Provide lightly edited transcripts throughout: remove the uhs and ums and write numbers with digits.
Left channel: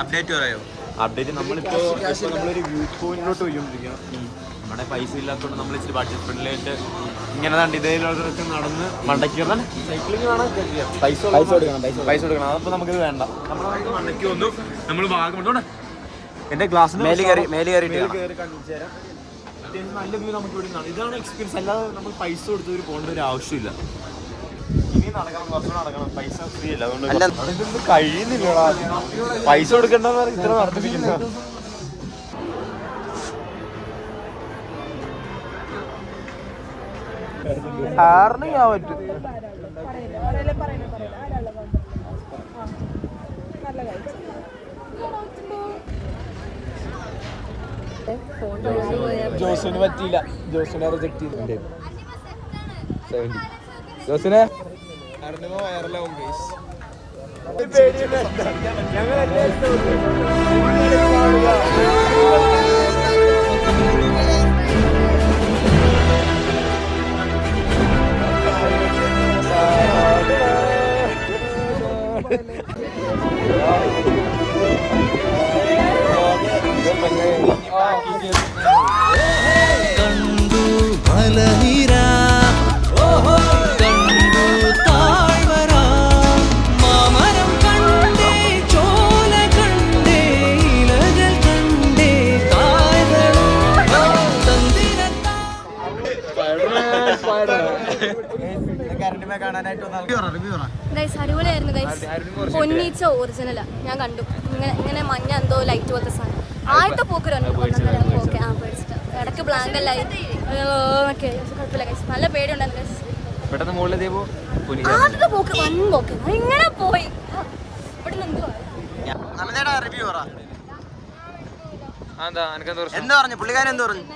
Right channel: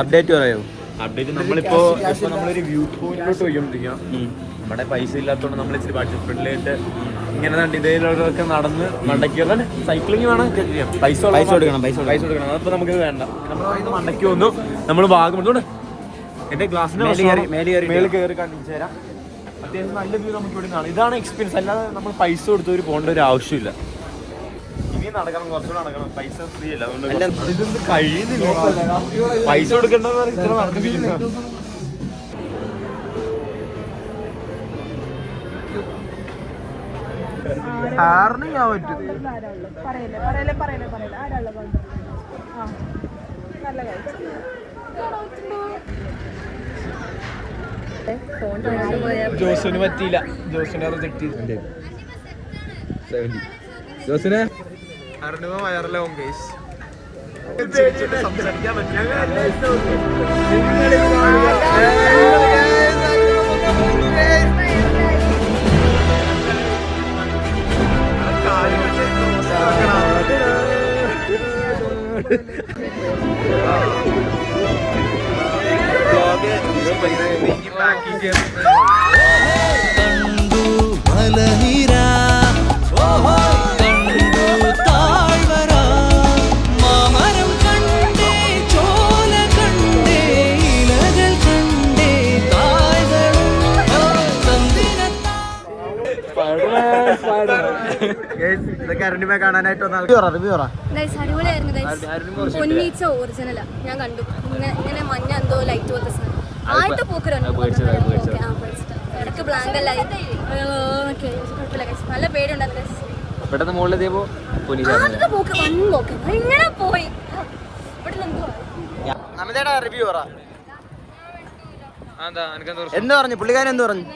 Update പറയൂ. Update നമ്മളിപ്പോ നമ്മളൊരു വ്യൂ പോയിന്റിലോട്ട് പോയിക്കൊണ്ടിരിക്കുക. നമ്മുടെ പൈസ ഇല്ലാത്തതുകൊണ്ട് നമ്മൾ ഇച്ചിരി ബഡ്ജറ്റ് ഫ്രണ്ട്ലിയായിട്ട് ഇങ്ങനെ ഇതേലൊക്കെ നടന്ന് മണ്ടയ്ക്ക് സൈക്ലിംഗ് വേണം. പൈസ കൊടുക്കണം. അതപ്പോൾ നമുക്കിത് വേണ്ട. നമ്മൾ മണ്ടയ്ക്ക് വന്നു. നമ്മൾ വാഗമൺ എന്റെ ഗ്ലാസ്സിന് മേളിൽ കയറി കണ്ടിച്ചു തരാം. അത്യാവശ്യം നല്ല വ്യൂ നമുക്ക് ഇവിടെ കാണാം. ഇതാണ് എക്സ്പീരിയൻസ്. അല്ലാതെ നമ്മൾ പൈസ കൊടുത്തവർ പോകേണ്ട ഒരു ആവശ്യമില്ല. ഇനി നടക്കണം, കുറച്ചുകൂടെ നടക്കണം. പൈസ ഫ്രീ അല്ല, അതുകൊണ്ട് ഇതൊന്നും കഴിയുന്നില്ല. പൈസ കൊടുക്കേണ്ട ജോസിന് പറ്റിയില്ല. ജോസിനെ റിജക്ട് ചെയ്തിട്ടുണ്ട്. ജോസിനെ വയറിലാവും കേസ്. കണ്ടു മലനിര, കണ്ടു താഴ്വര, മാമരം കണ്ടേ, ചോല കണ്ടേ, ഇലകൾ കണ്ടേ, കായ്കളും പൊന്നീച്ച ഒറിജിനലാ ഞാൻ കണ്ടു. ഇങ്ങനെ മഞ്ഞ എന്തോ ലൈറ്റ് പോലത്തെ സാധനം ആദ്യത്തെ പോക്ക് 1.5 പോക്ക് ഇടക്ക് ബ്ലാങ്ക് അല്ലായി കുഴപ്പമില്ല. നല്ല പേടിയുണ്ടായിരുന്നു. ആദ്യത്തെ പോക്ക് വൻ പോക്ക് ഇങ്ങനെ പോയി. ഇവിടെ റിവ്യൂ പറ. എന്താ പറഞ്ഞു പുള്ളിക്കാരൻ? എന്ത് പറഞ്ഞു?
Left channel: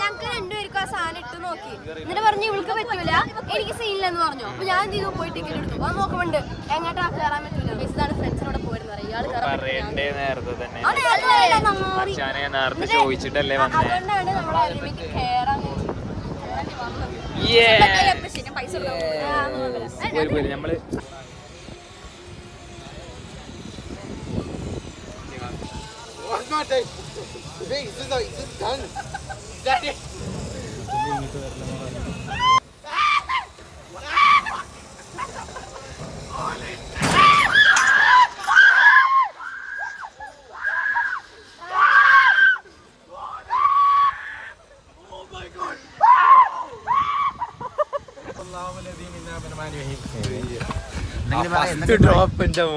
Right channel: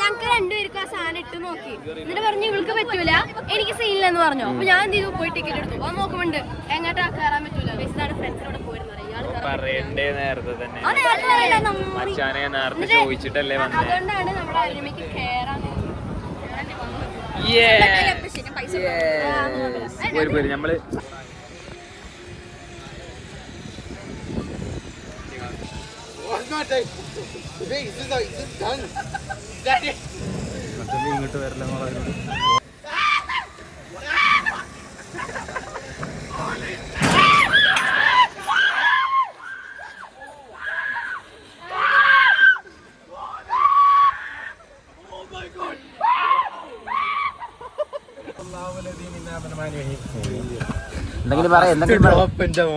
ഞങ്ങൾക്ക് രണ്ടുപേർക്കും ആ സാധനം ഇട്ട് നോക്കി. എന്നിട്ട് പറഞ്ഞു ഇവൾക്ക് പറ്റൂല, എനിക്ക് സീനില്ലെന്ന് പറഞ്ഞു. അപ്പൊ ഞാൻ എന്ത് ചെയ്തു, പോയി ടിക്കറ്റ് എടുത്തു. അത് നോക്കുമ്പോണ്ട് എങ്ങോട്ടാ കയറാൻ പറ്റൂല. ഇതാണ് ഫ്രണ്ട്സിനോട് പോയിരുന്നത്. അതുകൊണ്ടാണ് നമ്മുടെ അരുമയ്ക്ക് കയറാൻ പൈസ. ഇങ്ങോട്ട് വരില്ല.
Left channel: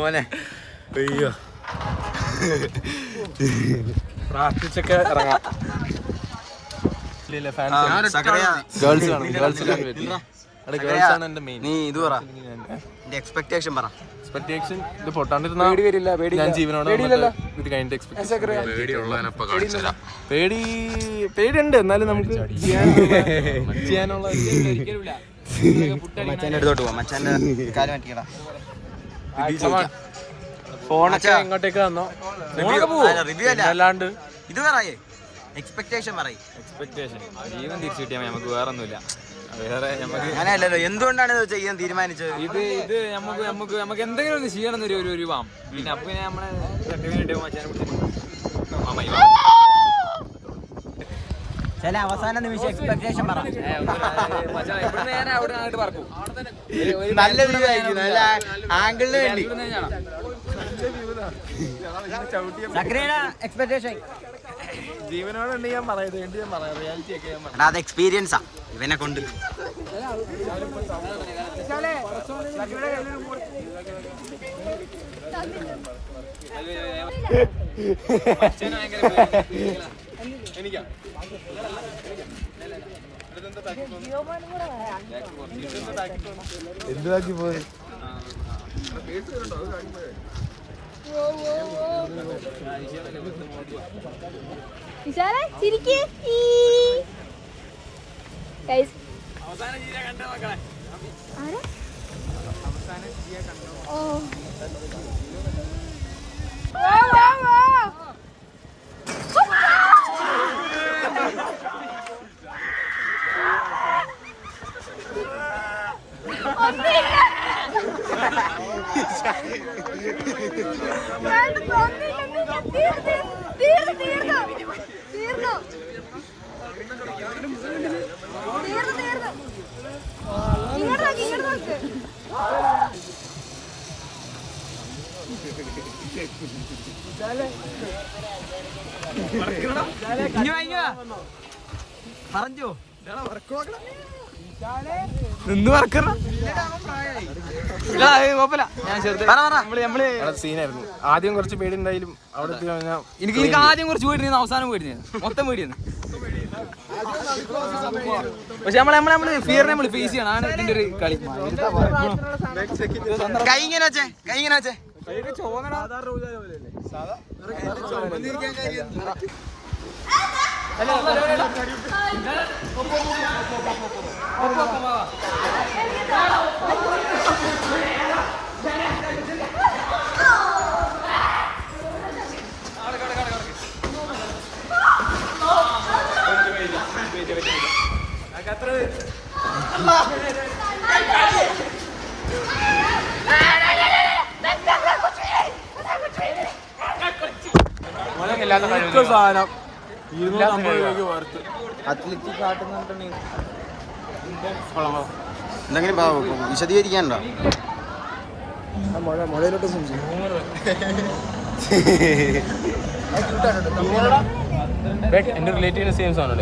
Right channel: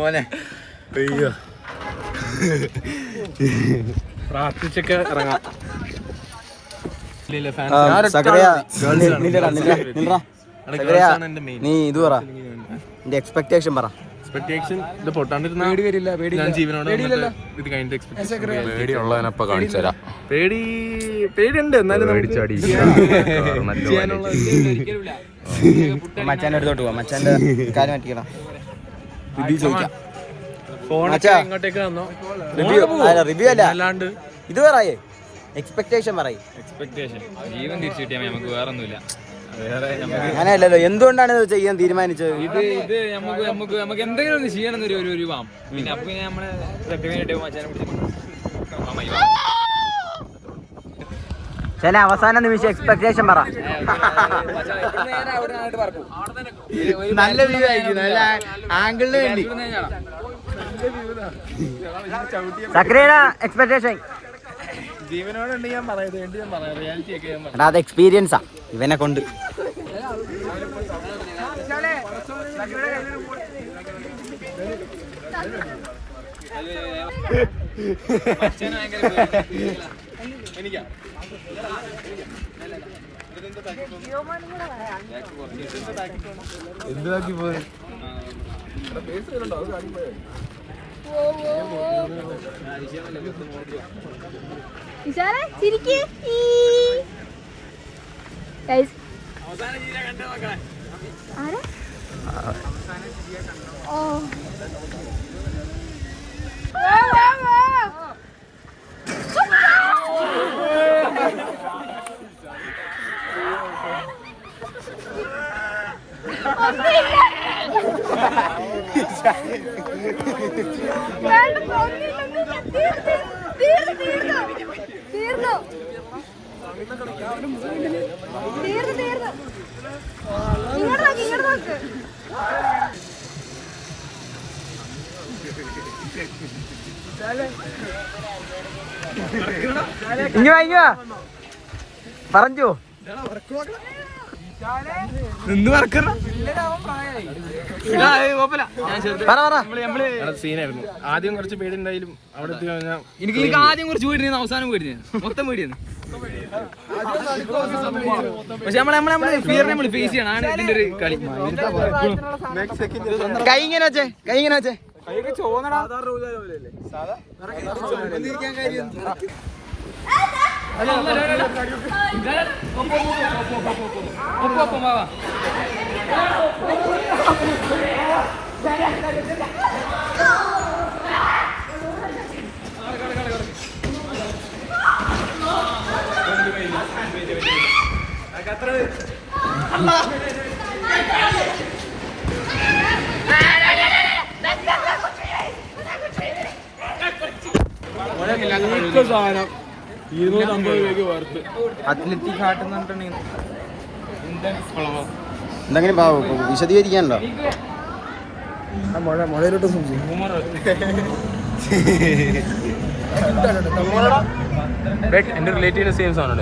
മോനെ അയ്യോ, പ്രാർത്ഥിച്ചൊക്കെ ഇറങ്ങാം. നീ ഇത് പറ, നിന്റെ എക്സ്പെക്ടേഷൻ പറ. എക്സ്പെക്ടേഷൻ ഇത് പൊട്ടാണ്ടിരുന്ന ഞാൻ ജീവനോടെ ഇത് കഴിഞ്ഞിട്ട് പേടിയുണ്ട്. എന്നാലും നമുക്ക് ചെയ്യാനുള്ള മച്ചാന്റെ അടുത്തോട്ട് പോവാം. മച്ചാന്റെ കാര്യം മാറ്റിക്കണം. റിവ്യൂ അല്ല, ഇത് പറയേ എക്സ്പെക്ടേഷൻ പറയേ. ജീവൻ തിരിച്ചു കിട്ടിയാൽ നമുക്ക് വേറെ ഒന്നുമില്ല. അങ്ങനെയല്ലല്ലോ, എന്തുകൊണ്ടാണ് ഇത് ചെയ്യാൻ തീരുമാനിച്ചത്? ഇത് നമുക്ക് എന്തെങ്കിലും ഒന്ന് ചെയ്യണം ഒരു വാം. പിന്നെ അപ്പൊ നമ്മള് ചില അവസാന നിമിഷം എക്സ്പെക്ടേഷൻ പറ. എക്സ്പെക്ടേഷൻ ജീവനോടുണ്ട്. ഞാൻ പറയുന്നത് ഞാൻ പറയാം, റിയാലിറ്റി ഒക്കെ ഞാൻ പറയാം. അത് എക്സ്പീരിയൻസാ ഇവനെ കൊണ്ട്. എനിക്കാ എന്താക്കി പോയി ഇങ്ങ പറഞ്ഞു നിന്ന് പറക്കണ സീനായിരുന്നു. ആദ്യം കുറച്ച് പേടി ഉണ്ടായാലും അവിടെ എനിക്ക് ആദ്യം കുറച്ച് പേടിയിരുന്നു, അവസാനം പേടിയാണ്, മൊത്തം പേടിയാണ്. പക്ഷെ നമ്മള് ഫിയർ നമ്മൾ ഫേസ് ചെയ്യണം, ആണ് ഇതിന്റെ ഒരു കളി. കൈ ഇങ്ങനെ വെച്ചേ, കൈ ഇങ്ങനെ വെച്ചേ. സാധനം 250 രൂപയ്ക്ക് വർത്ത്. എന്തെങ്കിലും വിശദീകരിക്കാനുണ്ടോ? എന്റെ റിലേറ്റീവ് സെയിം ആണ്.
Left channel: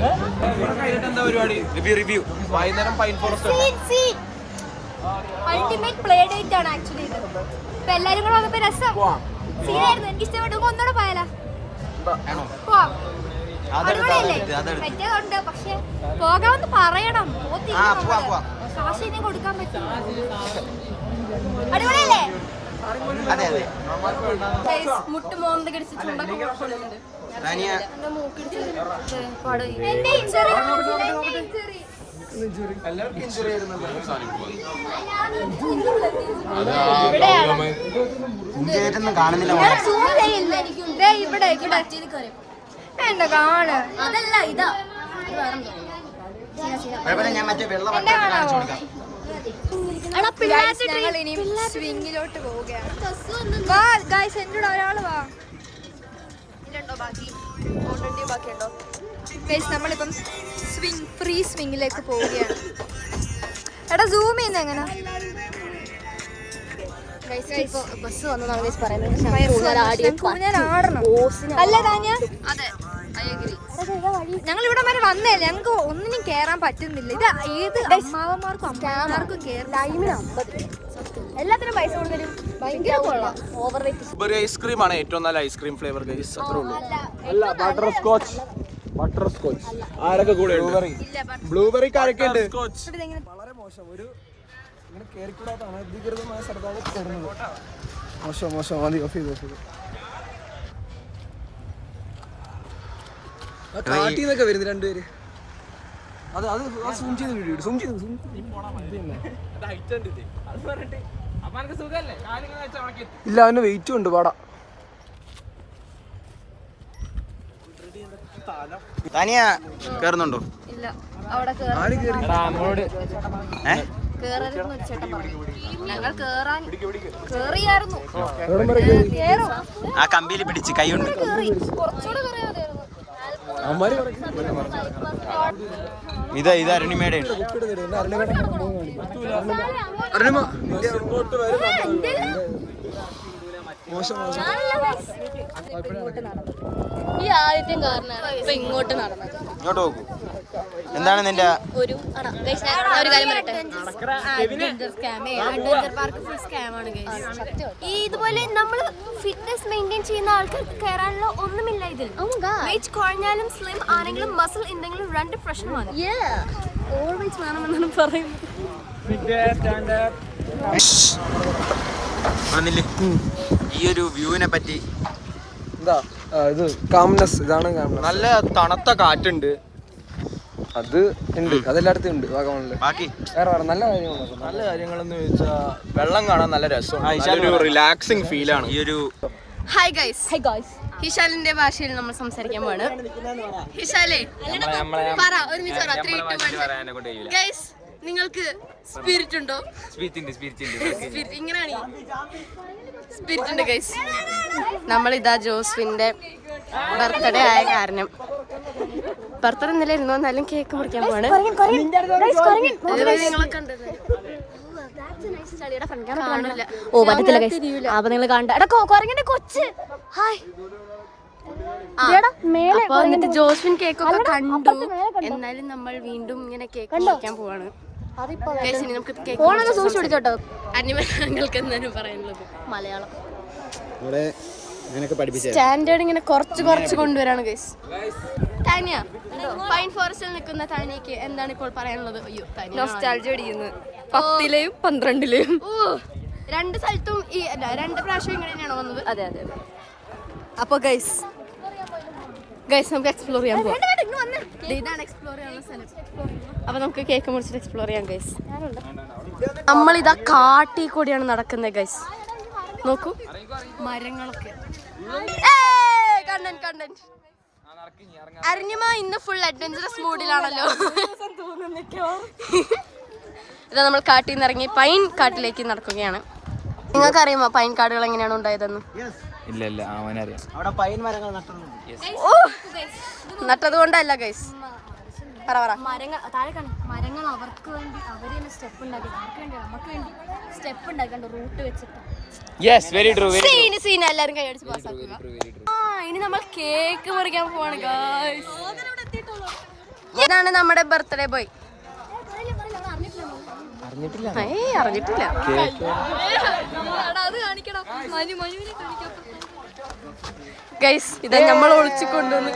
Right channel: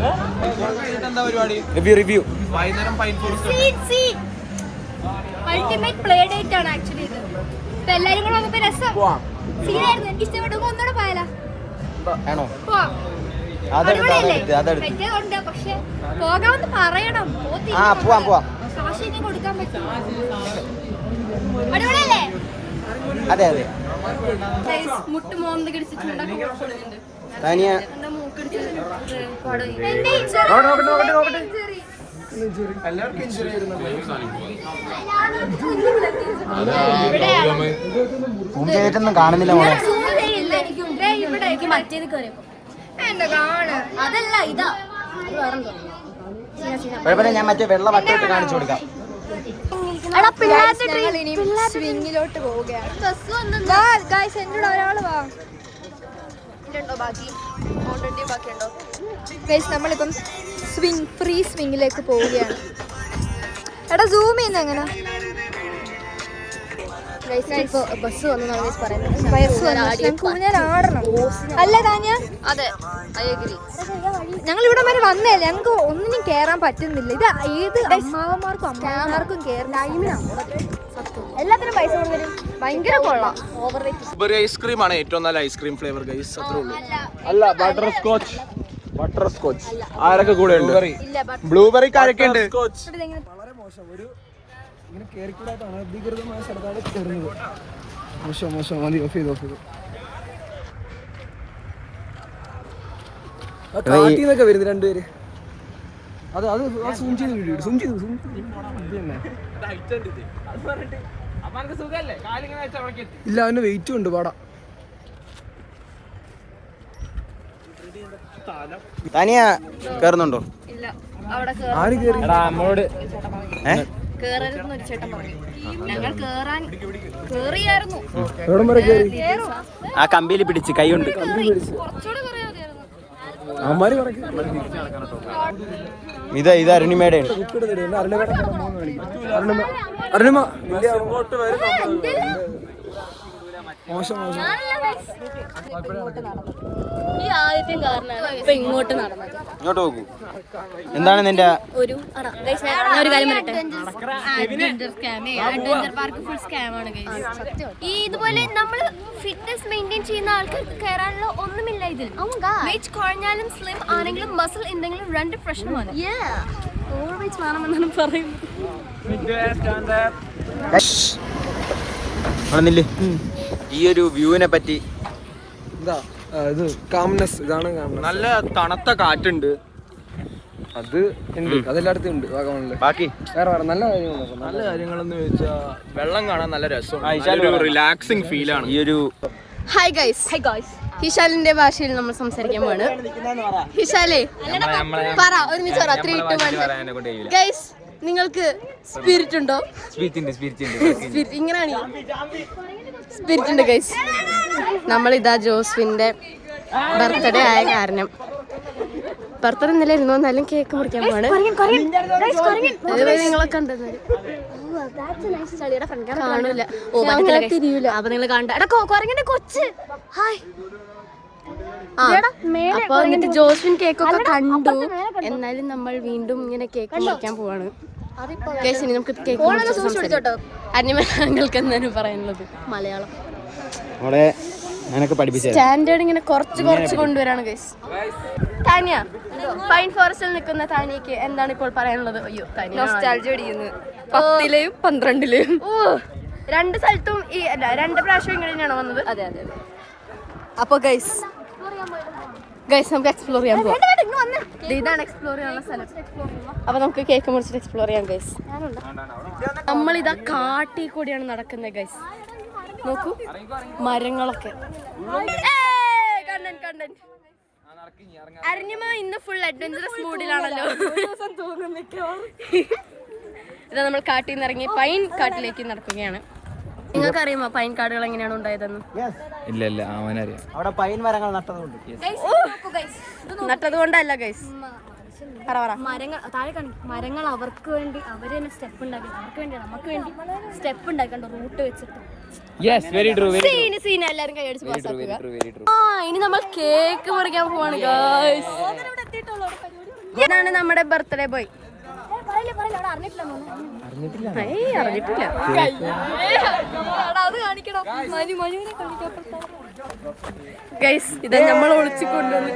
റിവ്യൂ അൾട്ടിമേറ്റ് പ്ലേ ഡേറ്റ് ആണ് ആക്ച്വലി ഇത്. എല്ലാരും കൂടെ വന്നപ്പോ രസം സീനായിരുന്നു. എനിക്ക് ഇഷ്ടപ്പെട്ടു. ഒന്നുകൂടെ പോയാലോ? ആണോ? പോവാം. അതെടുത്ത് പറ്റിയതുണ്ട്, പക്ഷെ പോകാമെന്ന് പറയണം. പോവാം. കാശ് ഇനി കൊടുക്കാൻ പറ്റില്ല. അടിപൊളിയല്ലേ? അതെ അതെ. മുട്ട് മോന്ത കടിച്ച് ചുണ്ടൊക്കെ കൊടുക്കുന്നുണ്ട്. താനിയ എന്റെ മൂക്കടിച്ച് പൂങ്കേറ്റൊന്നും കാണുന്നില്ല മോളെ. മറ്റേത് കയറിയപ്പോ അതല്ല ഇതാ കുഴപ്പമില്ല, ഞാൻ മറ്റേ വെള്ള വട്ടോട്ട് കാണിച്ചു കൊടുക്കാം. ഞങ്ങൾ ഇനി സ്വിങ്ങിലോട്ട് പോവുകയാണ്. എന്നോട് ഒരാള് വാ. ബാക്കി ബാക്കിയുണ്ടോ? നമ്മളിപ്പം ഫ്രീ സ്വിങ്ങിലേക്ക് പോവുകയാണ്. എടാ സൂം ചെയ്യുന്ന എങ്ങനെ? ബസ് ആടണം അല്ല താഞ്ഞ? അതെ, ഞങ്ങൾ ഇവിടെ വരെ വന്നല്ലേ, ഞങ്ങൾക്ക് ഒന്നിനും കേറാൻ പറ്റുന്നില്ല. ഇത് ഏത് അമ്മാവന്മാർക്കും അമ്മാവന്മാർക്കും കേരളം എല്ലാത്തിനും പൈസ കൊടുക്കും. ഭയങ്കര ഓവർ ഐസ്ക്രീം ആണ് ഏറ്റവും നല്ല ഐസ്ക്രീം ഫ്ലേവർ ഗൈസ്. അത്രേ ഉള്ളൂ. അല്ല ബട്ടർ സ്കോച്ച് ആരൊക്കെ കൂടെ ഉണ്ട്? Blueberry scotch. വളരെ മോശം. ഒരു ഇങ്ങനെ കേറിക്കൂടാത്ത അനധികൃതമായ സ്ഥലത്താണ് കയറുന്നത്. മോശം. മതി, ഓഫ് ചെയ്തു. കാട്ടിന്നൊക്കെ വരുന്നത് രണ്ടുപേര്. അത് സൂം ചെയ്ത് വീഡിയോ സൂം ചെയ്തു. ഇല്ല, അവന് വെയിറ്റും ഉണ്ട്. പാടാ താനിയ കേറുന്നുണ്ടോ? ഇല്ല, അവിടെ കേറരുതെന്ന് ഒരു ചേട്ടൻ പറഞ്ഞു. ഞങ്ങൾ കേറിയായിരുന്നു. ആ കമ്പിയിൽ പിടിച്ച് കൈ കൊണ്ട്. കുറച്ചുകൂടെ കറിയാതെയായിരുന്നു. ഇത് അരുണിമയുടെ ഉണ്ട്. ഈ ആദ്യത്തെ കാരണമാണ് ഇങ്ങോട്ട് നടന്നത്. ഇങ്ങോട്ട് നോക്കൂ. എന്താണ് നിന്റെ ഒരു ഇതുപോലെ നമ്മൾ ഫിറ്റ്നസ് മെയിൻറ്റെയിൻ ചെയ്യുന്ന ആൾക്കാർക്ക് കയറാനുള്ള ഒന്നുമില്ല ഇതിൽ. വെയിറ്റ് കുറഞ്ഞാലും സ്ലിം ആണെങ്കിലും മസിൽ എന്തെങ്കിലും രണ്ട് പ്രശ്നമാണ്. ഓൾവേസ് വേണമെന്നാണ് പറയുന്നത്. ഈ ഒരു വ്യൂവിനെ പറ്റി ഇത് കാംനെസ്. ഇതാണ് നല്ല തണുത്ത കാറ്റുണ്ട്. അത് ഉണ്ട്, അതെല്ലായിടത്തും ഉണ്ട്. ബാക്കി വേറെ നല്ല കാര്യങ്ങളെന്ന് വെച്ചാൽ വെള്ളം കാണാൻ നല്ല രസം, റിലാക്സിങ് ഫീലാണ്. ഈ ഒരു ഹായ് ഗൈസ്, ഹിഷാലിന്റെ ഭാഷയിൽ നമ്മൾ സംസാരിക്കാൻ പോവാണ്. ഹിഷാലേ പറ, ഒരുമിച്ച് പറ. 3, 2, 1 ഗൈസ്, നിങ്ങൾക്ക് സ്പിരിറ്റ് ഉണ്ടോ? സ്പിരിറ്റ് ഇങ്ങനെയാണ് സ്പിരിറ്റ് ഉണ്ട് ഗൈസ്. നമ്മളിതാ ജോസ്വിന്റെ ബർത്ത്ഡേ ആയ കാരണം ബർത്ത്ഡേ ഇന്നലെ ഇരുന്നു എന്നാലും കേക്ക് മുറിക്കാൻ പോവാണ്. നിങ്ങളെ കണ്ടത് കാണൂല. തിരിയൂല. അപ്പൊ നിങ്ങൾ കണ്ട കൊച്ച് ഹായ്. അപ്പൊ എന്നിട്ട് ജോസ്വിൻ കേക്കൊക്കെ കണ്ടു. എന്നാലും നമ്മൾ വീണ്ടും ഇങ്ങനെ കേക്ക് മുറിക്കാൻ പോവാണ്. നമുക്ക് കേക്ക് അന്യങ്ങൾക്ക് എന്താണ് പറയുന്നത്? മലയാളം സ്റ്റാൻഡേർഡ് ഇങ്ങനെ കുറച്ച് കൊണ്ടുവരാണ് ഗൈസ്. താനിയ, പൈൻ ഫോറസ്റ്റിൽ നിൽക്കുന്ന താനിയക്ക് എന്താണ് ഇപ്പോൾ പറയാനുള്ളത്? അയ്യോ, നൊസ്റ്റാൾജിയ അടിക്കുന്നു 10ലെയും 12ലെയും. രണ്ട് സ്ഥലത്തും ഈ 2 പ്രാവശ്യം ഇങ്ങനെയാണോ വന്നത്? അതെ. അപ്പൊ ഗൈസ് നമുക്ക് എക്സ്പ്ലോർ ചെയ്യാൻ പോവാം. ഇതാണ് എക്സ്പ്ലോർ ചെയ്യാനുള്ള സ്ഥലം. അപ്പൊ നമുക്ക് കേക്ക് മുറിച്ചിട്ട് എക്സ്പ്ലോർ ചെയ്യാം ഗൈസ്. നമ്മളിതാ കാട്ടിൽ കൂടിയാണ് നടക്കുന്നത് ഗൈസ്. നോക്കൂ, മരങ്ങളൊക്കെ. അരിഞ്ഞുമ ഇന്ന് ഫുൾ അഡ്വഞ്ചറസ് മൂഡിലാണല്ലോ. ഇതാ നമ്മൾ കാട്ടിൽ നിന്ന് ഇറങ്ങി പൈൻ കാട്ടിലേക്ക് നടക്കുകയാണ്. നിങ്ങൾക്ക് അറിയുമോ പൈൻ കാടുകൾ എങ്ങനെയാണ് ഉണ്ടായതെന്ന്? ഇല്ല അവനറിയാം. നട്ടത് കൊണ്ടല്ല ഗൈസ്. മരങ്ങൾ അവർക്ക് വേണ്ടി അവര് തന്നെ സ്റ്റെപ്പ് ഉണ്ടാക്കി, അവർക്ക് വേണ്ടി നമുക്ക് വേണ്ടി സ്റ്റെപ്പ് ഉണ്ടാക്കണ്ട റൂട്ട് വെച്ചിട്ട്. എല്ലാരും കൈയടിച്ച് പാസ്സാക്കുക. ഇനി നമ്മൾ കേക്ക് മുറിക്കാൻ പോവാണ് ഗൈസ്. ഇതാണ് നമ്മുടെ ബർത്ത്ഡേ ബോയ്. അറിഞ്ഞിട്ടില്ല ഗൈസ്. ഇതാ നമ്മൾ ഒളിച്ചു കൊണ്ടുവന്ന്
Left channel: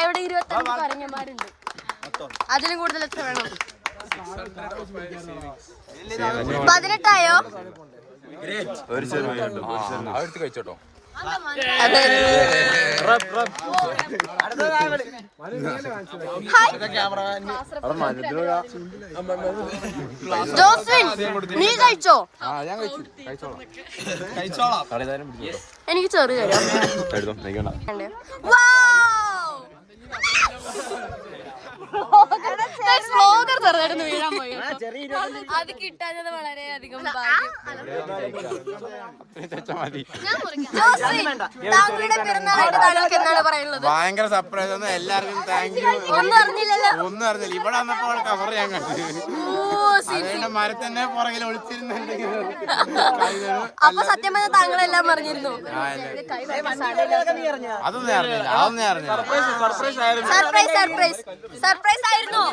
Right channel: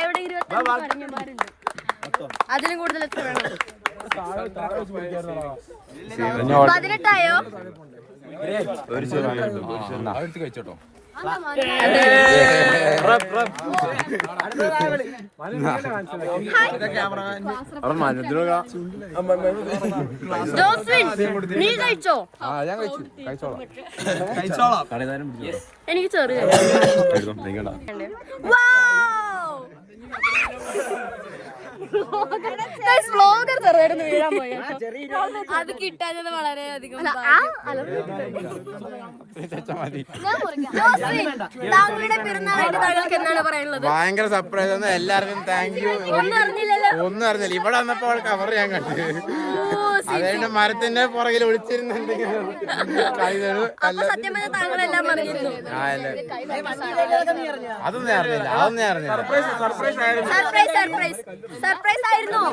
ഇവിടെ 25 പറഞ്ഞമാരുണ്ട്. അതിലും കൂടുതൽ എത്ര വേണം? 18ആയോ? ജോസ്വിൻ, നീ കഴിച്ചോ? എനിക്ക് ചെറിയ വ്ലോഗർ ചെറുതായിരുന്നു വീഴാൻ പോയി. അത് കിട്ടാഞ്ഞത് വളരെയധികം. താങ്കളുടെ പിറന്നാളായിട്ട് താങ്കൾക്ക് എന്താണ് പറയുന്നത്? ഭയങ്കര സർപ്രൈസ് ആണ്. എല്ലാവർക്കും താങ്ക് യു. ഒന്നും അറിഞ്ഞില്ലല്ലോ. ഇവിടെ വന്നപ്പോൾ കവർ ഞാൻ കണ്ടു. അതുകൊണ്ട് മരത്തിന്റെ പുറകിൽ ഒളിച്ചിരുന്നുണ്ടെങ്കിൽ അപ്പൊ സത്യം പറഞ്ഞാൽ താങ്കളെല്ലാം പറഞ്ഞിരുന്നു. അതൊന്നും അറിഞ്ഞില്ല. സർപ്രൈസ് ആയിരുന്നു.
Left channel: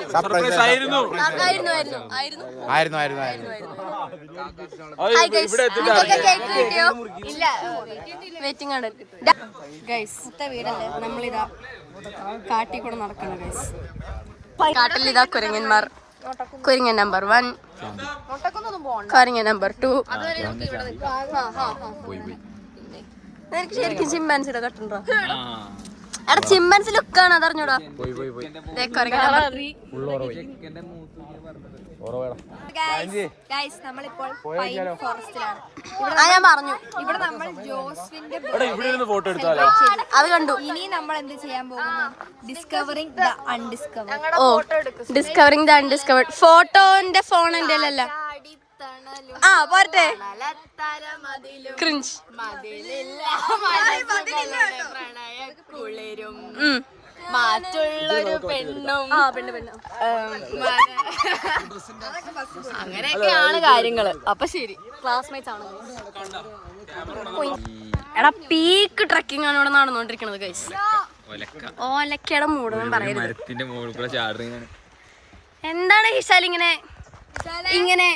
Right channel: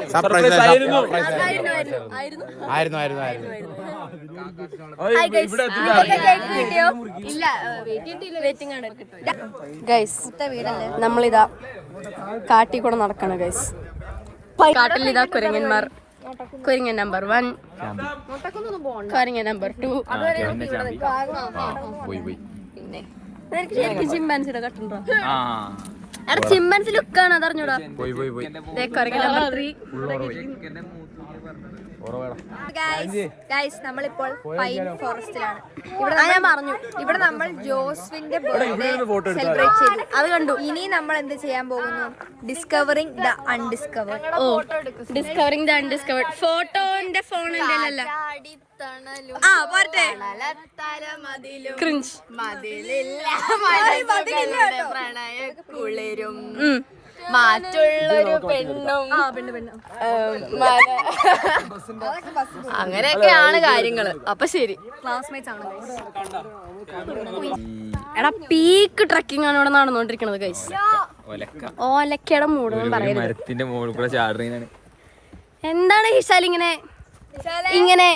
ഗൈസ്, നമ്മളിതാ കാട്ടിൽ കൂടെ നടക്കണം ഗൈസ്. കാട്ടിൽ ഇതാ കുരങ്ങന്മാർ. കുരങ്ങൻ നമ്പർ 1, കുരങ്ങൻ നമ്പർ 2. എനിക്ക് ശരിക്കും ചിമ്പാൻസിയുടെ കട്ടുണ്ടോ? എടാ ചിമ്പാൻസി ലുക്കാണ്, അതറിഞ്ഞൂടാ. കുരങ്ങൻ നമ്പർ 3. നമ്മളിപ്പോൾ പൈൻ ഫോറസ്റ്റിലാണ്. ഞാൻ പറഞ്ഞു ഇവിടെ നമ്മൾ ജോസ്വിന്റെ ബർത്ത്ഡേ സെലിബ്രേറ്റ് ചെയ്തു. അത് കണ്ടു. ഇനി നമ്മൾ എന്ത് ചെയ്യാൻ പോകുന്നു? Discovering the undiscovered. Discovering the undiscovered. ഫോട്ടോന്റെ ഫോൺ എന്റെ അല്ല. പോരട്ടെ. ക്രിഞ്ച്. പ്രണയക്കുളിരും മാറ്റുള്ളൊരു പെണ്ണും അങ്ങനെയൊക്കെയാണ് കാര്യങ്ങള്. അപ്പൊ ശരി, ക്ലാസ്മേറ്റ്സ് ആണ്. എടാ പീക്ക് ട്രക്കിംഗ് ആണ് ഇവിടെ നടന്നുകൊണ്ടിരിക്കണത് ഗൈസ്. ഓലക്കയുടെ മൂടൊന്നും പറയരുത്. എന്താണ് ഹിഷാൽ ഇങ്ങനെ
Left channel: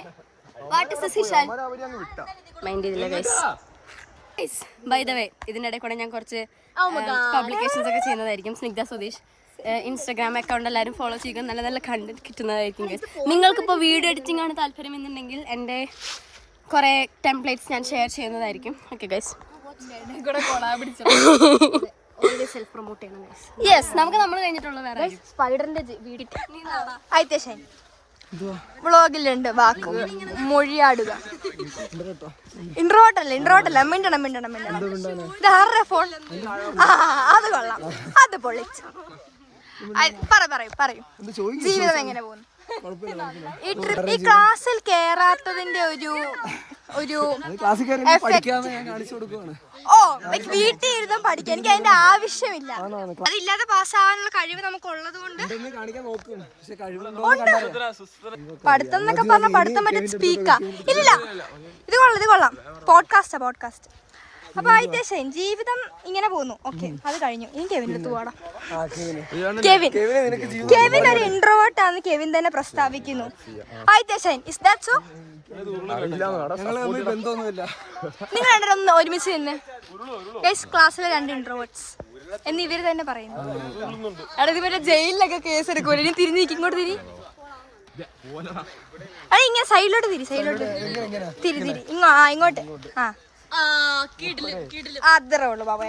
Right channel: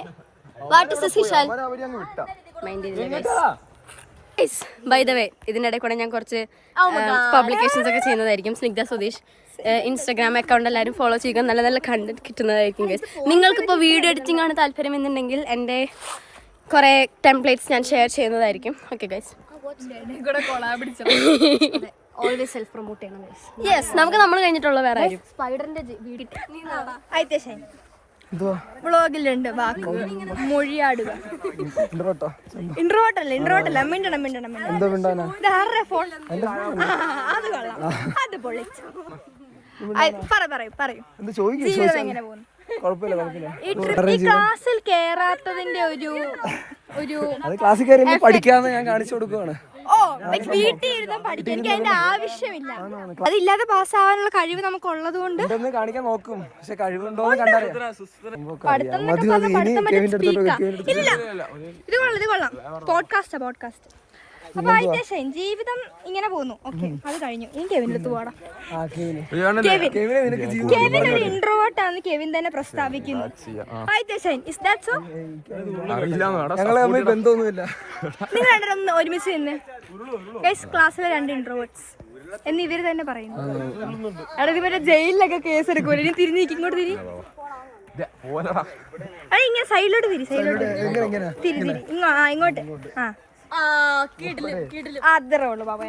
what is this Hishal? By the way, ഇതിൻ്റെ ഇടയിൽ കൂടെ ഞാൻ കുറച്ച് പബ്ലിക്കേഷൻസ് ഒക്കെ ചെയ്യുന്നതായിരിക്കും. സ്നിഗ്ധ സുധീഷ് ഇൻസ്റ്റാഗ്രാം അക്കൗണ്ട് എല്ലാവരും ഫോളോ ചെയ്യുക. നല്ല നല്ല കണ്ടന്റ് കിട്ടുന്നതായിരിക്കും ഗൈസ്. നിങ്ങൾക്കിപ്പോൾ വീഡിയോ എഡിറ്റിംഗ് ആണ് താല്പര്യം എന്നുണ്ടെങ്കിൽ എൻ്റെ കുറേ ടെംപ്ലേറ്റ്സ് ഞാൻ ഷെയർ ചെയ്യുന്നതായിരിക്കും. Okay guys, always self promote ചെയ്യണം ഗൈസ്. യെസ്, നമുക്ക് നമ്മൾ കഴിഞ്ഞിട്ടുള്ള വേറെ ആരും. സ്പൈഡറിന്റെ വീഡിയോ വ്ളോഗിലുണ്ട് വാക്ക് മൊഴിയാടുക. ഇൻട്രോട്ടല്ല മിണ്ടണം. ഇതാരുടെ ഫോൺ? അത് കൊള്ളാം, അത് പൊളിച്ചു. പറയൂ ജീവിതം എങ്ങനെ പോകുന്നു? ഈ ക്ലാസ്സിൽ കേറാത്തതിന്റെ ഒരു പഠിക്കാന്ന് ഞാൻ കാണിച്ചു കൊടുക്കുവാണ്. വീട്ടിൽ ഇരുന്ന് പഠിക്കാൻ എനിക്ക് അതിന്റെ ആവശ്യമില്ല. അതില്ലാതെ പാസ്സാവാനുള്ള കഴിവ് നമുക്ക് ഉള്ളത് കൊണ്ട് കാണിക്കാൻ നോക്കും. പക്ഷെ കഴിവുണ്ടോ പഠിത്തം എന്നൊക്കെ പറഞ്ഞാൽ പഠിത്തം പറ്റും സ്പീക്കാ. ഇല്ല, ഇത് കൊള്ളാം. പോഡ്കാസ്റ്റ്. അപ്പൊ ഐതേശൻ ജീവിതം ഇങ്ങനെ പോകുന്നു. ഓക്കെ, അത് കഴിഞ്ഞു. ഇനി കെവിൻ്റെ അടുത്ത് പോടാ. കെവിൻ ഒരു ഇൻട്രോവേർട്ട് ആണെന്ന് കെവിൻ തന്നെ പ്രസ്താവിക്കുന്നു. ഐതേശൻ, ഇസ് ദാറ്റ് സോ? ഞങ്ങള് തമ്മിൽ ബന്ധമൊന്നുമില്ല. നിങ്ങൾ രണ്ടൊന്ന് ഒരുമിച്ച് നിന്ന് ക്ലാസ്സിലെ 2 ഇൻട്രോവേർട്ട്സ് എന്ന് ഇവര് തന്നെ പറയുന്നു. അവിടെ ഇവരുടെ ജയിലിലൊക്കെ കേസ് എടുക്കൂല. ഇനി തിരിഞ്ഞ് ഇങ്ങോട്ട് തിരി. അത് ഇങ്ങനെ സൈഡിലോട്ട് തിരി. ഇങ്ങോട്ട്. അത്രേ ഉള്ളു ബാബ.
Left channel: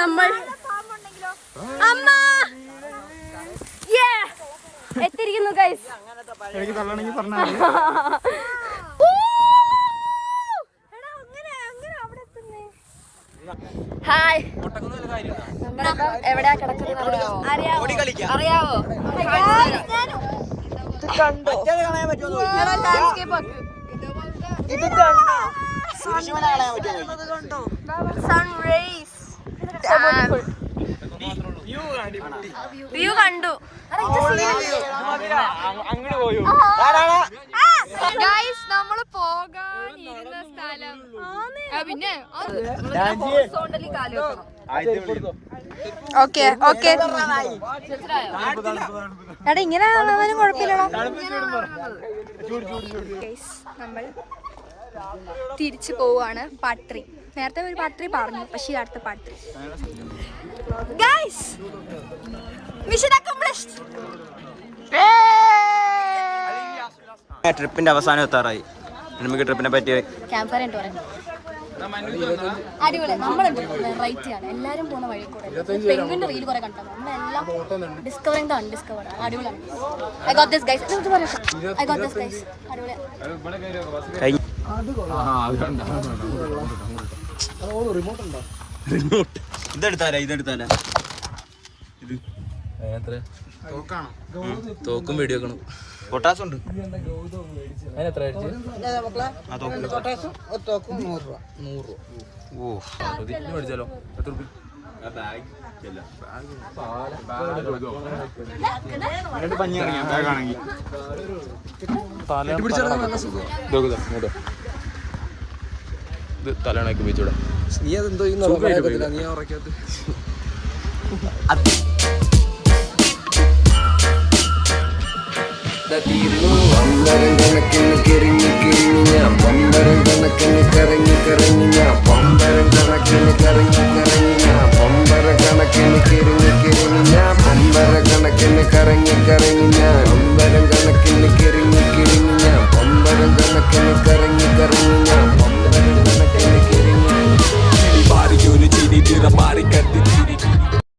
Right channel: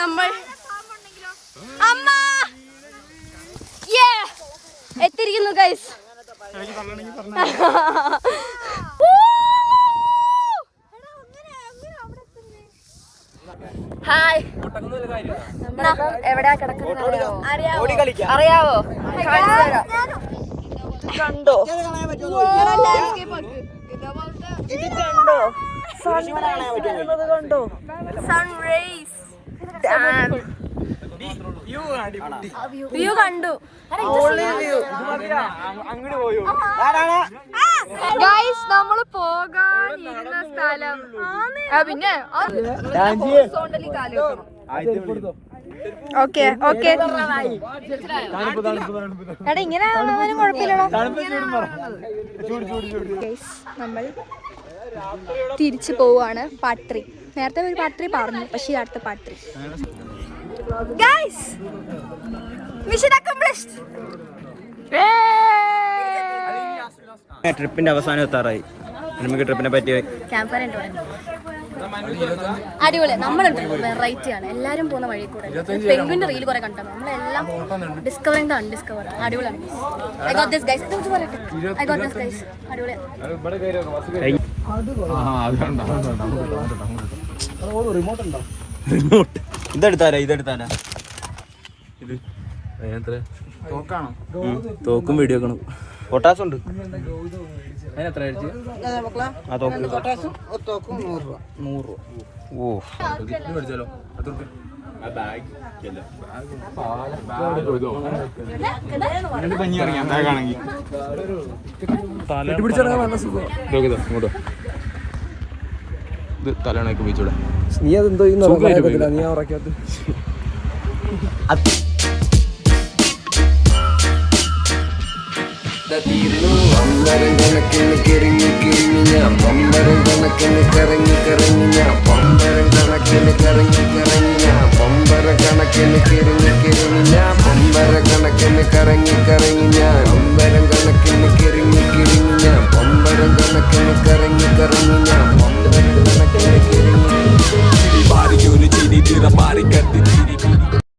നമ്മൾ അമ്മ എത്തിയിരിക്കുന്നു ഗൈസ്. ഹായ്, എവിടെയാ കിടക്കുന്നത് അറിയാവോ? കണ്ടോ? ഇത് കണ്ടോ? സൺറൈസ് വ്യൂ കണ്ടു. ഗൈസ്, നമ്മള് പോകാനിരുന്ന സ്ഥലം പിന്നെ ഓക്കെ എടാ ഇങ്ങനെ കുഴപ്പമില്ലടാ. നമ്മൾ തിരിച്ചു പോവാണ്. പാർട്ട് 3. നേരത്തെ ഒരു പാർട്ട് 3 പറഞ്ഞു, പക്ഷേ അടുത്ത പാർട്ട് 3. Guys, mission accomplished. ട്രിപ്പിന്റെ അവസാനം എത്താറായി. നമുക്ക് ട്രിപ്പിനെ പറ്റി ക്യാമ്പ് ഫയർ അടിപൊളി. നമ്മളുണ്ട് വെറൈറ്റി ആണ്. എല്ലാരും പോകുന്ന വഴി കൂടെ പെൻഗ്വിന്റെ റീൽ കുറെ കണ്ടത്. നമ്മളെല്ലാം ഡിസ്കവറിംഗ് അൺഡിസ്കവർ. അടിപൊളിയാണ്. I got this guys. അടിപൊളിയാണ്. ഇതെടുത്താനാ ഇത് തോക്കും വീഡിയോ കാണും. പൊട്ടാസ് ഉണ്ട്. മേടിച്ചാലോ? തലണക്ക് ഉപയോഗിച്ചൂടെ? നീ അതെന്തോ നീ ഉറക്കാത്ത തീർന്നു. പമ്പരം കണക്കിന് കിറങ്ങി ഞാൻ പമ്പരം കണക്കിന് കറങ്ങി ഞാൻ പമ്പരം കണക്കിന് കറങ്ങി ഞാൻ പമ്പരം കണക്കിന് കിറങ്ങി ഞാൻ പമ്പരം കണക്കിന് കറങ്ങി ഞാൻ പമ്പരം കണക്കിന് കിറങ്ങി ഞാൻ പമ്പരം കണക്കിന് കറങ്ങി ഞാൻ പമ്പരം കണക്കിന് കിറങ്ങി ചിരി മാറിയൊരു ചിരി തിറ മാറി കത്തി ചിരി